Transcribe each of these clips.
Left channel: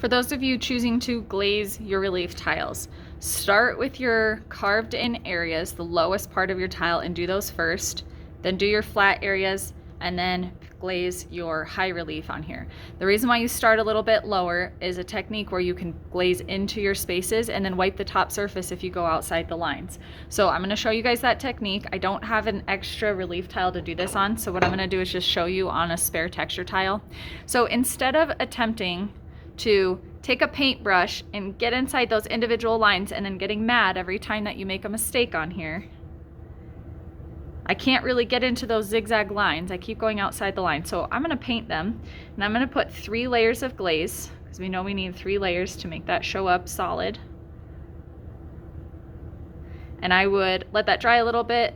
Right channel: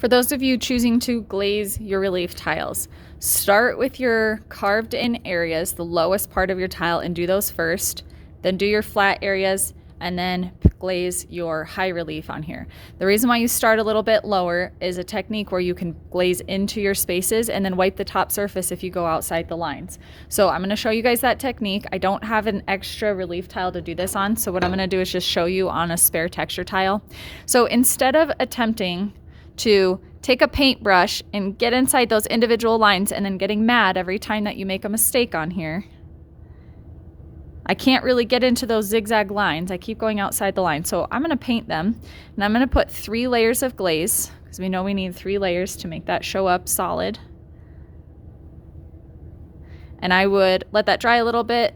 For those of you choosing to glaze your relief tiles, start with your carved in areas, the lowest part of your tile, and do those first. Then do your flat areas and then glaze your high relief on here. The reason why you start a little bit lower is a technique where you can glaze into your spaces and then wipe the top surface if you go outside the lines. So I'm going to show you guys that technique. I don't have an extra relief tile to do this on, so what I'm going to do is just show you on a spare texture tile. So instead of attempting to take a paintbrush and get inside those individual lines and then getting mad every time that you make a mistake on here, I can't really get into those zigzag lines. I keep going outside the line. So I'm going to paint them, and I'm going to put 3 layers of glaze because we know we need 3 layers to make that show up solid. And I would let that dry a little bit,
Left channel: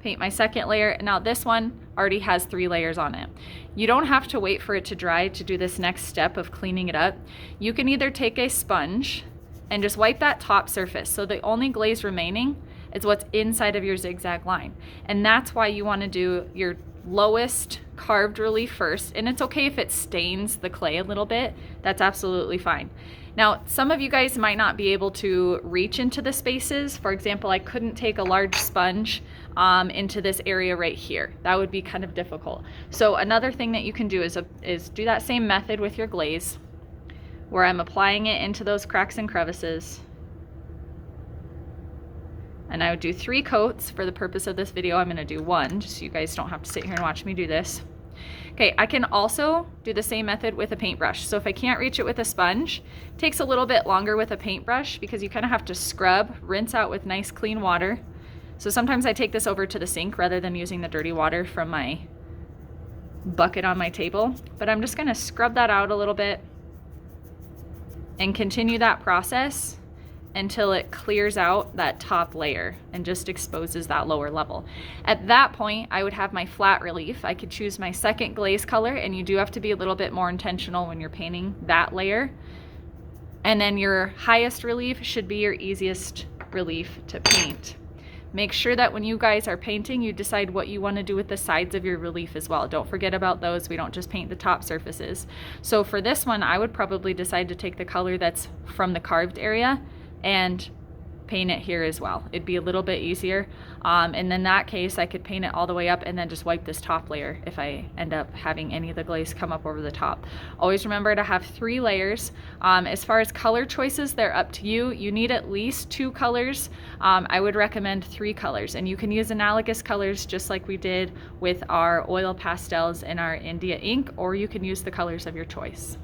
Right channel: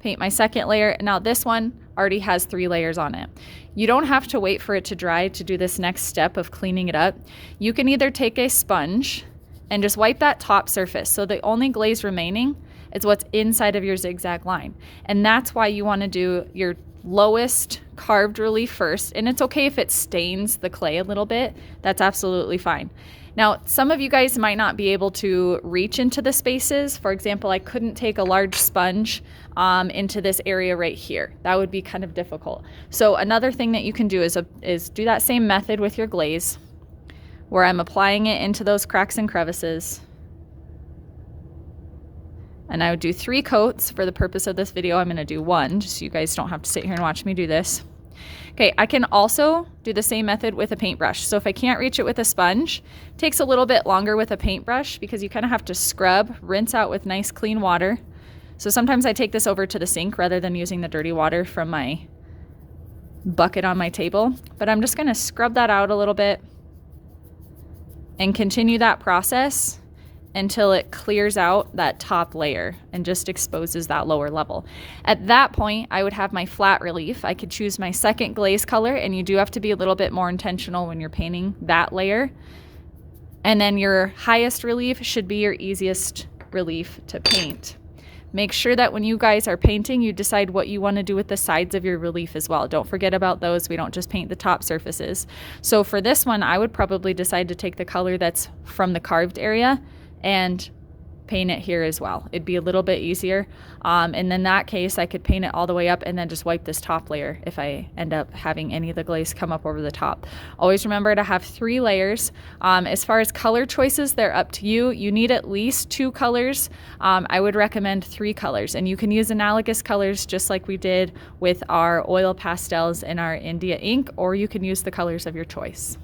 paint my second layer, and now this one already has 3 layers on it. You don't have to wait for it to dry to do this next step of cleaning it up. You can either take a sponge and just wipe that top surface, so the only glaze remaining is what's inside of your zigzag line. And that's why you want to do your lowest carved relief first. And it's okay if it stains the clay a little bit, that's absolutely fine. Now, some of you guys might not be able to reach into the spaces. For example, I couldn't take a large sponge into this area right here. That would be kind of difficult. So another thing that you can do is do that same method with your glaze, where I'm applying it into those cracks and crevices. And I would do 3 coats. For the purpose of this video, I'm going to do 1, just so you guys don't have to sit here and watch me do this. Okay, I can also do the same method with a paintbrush. So if I can't reach it with a sponge, it takes a little bit longer with a paintbrush because you kind of have to scrub, rinse out with nice clean water. So sometimes I take this over to the sink rather than using the dirty water from my bucket on my table. But I'm just going to scrub that out a little bit and continue that process until it clears out that top layer and just exposes that lower level. At that point, I would have my flat relief. I could choose my second glaze color, and you do have to be a little bit more intentional when you're painting that layer. And then your highest relief should be your easiest relief to paint. Make sure that when you guys are painting, you decide what you want to do with the sides of your relief as well. Don't forget about those. We don't just paint the top surfaces. So for this one, I would probably decide to take the color that's from the carved area and paint it here as well. It'd be a little bit easier. And in that case, I could paint it all the way up and then just wipe this top layer if I end up having any of the glaze come up over the top. Always remember to have 3 layers. As far as color choices, they're up to you. You need at least 2 colors. I would recommend 3 colors, and you can use analogous colors just like we did with our oil pastels and our India ink, or you can use the colors of your choice.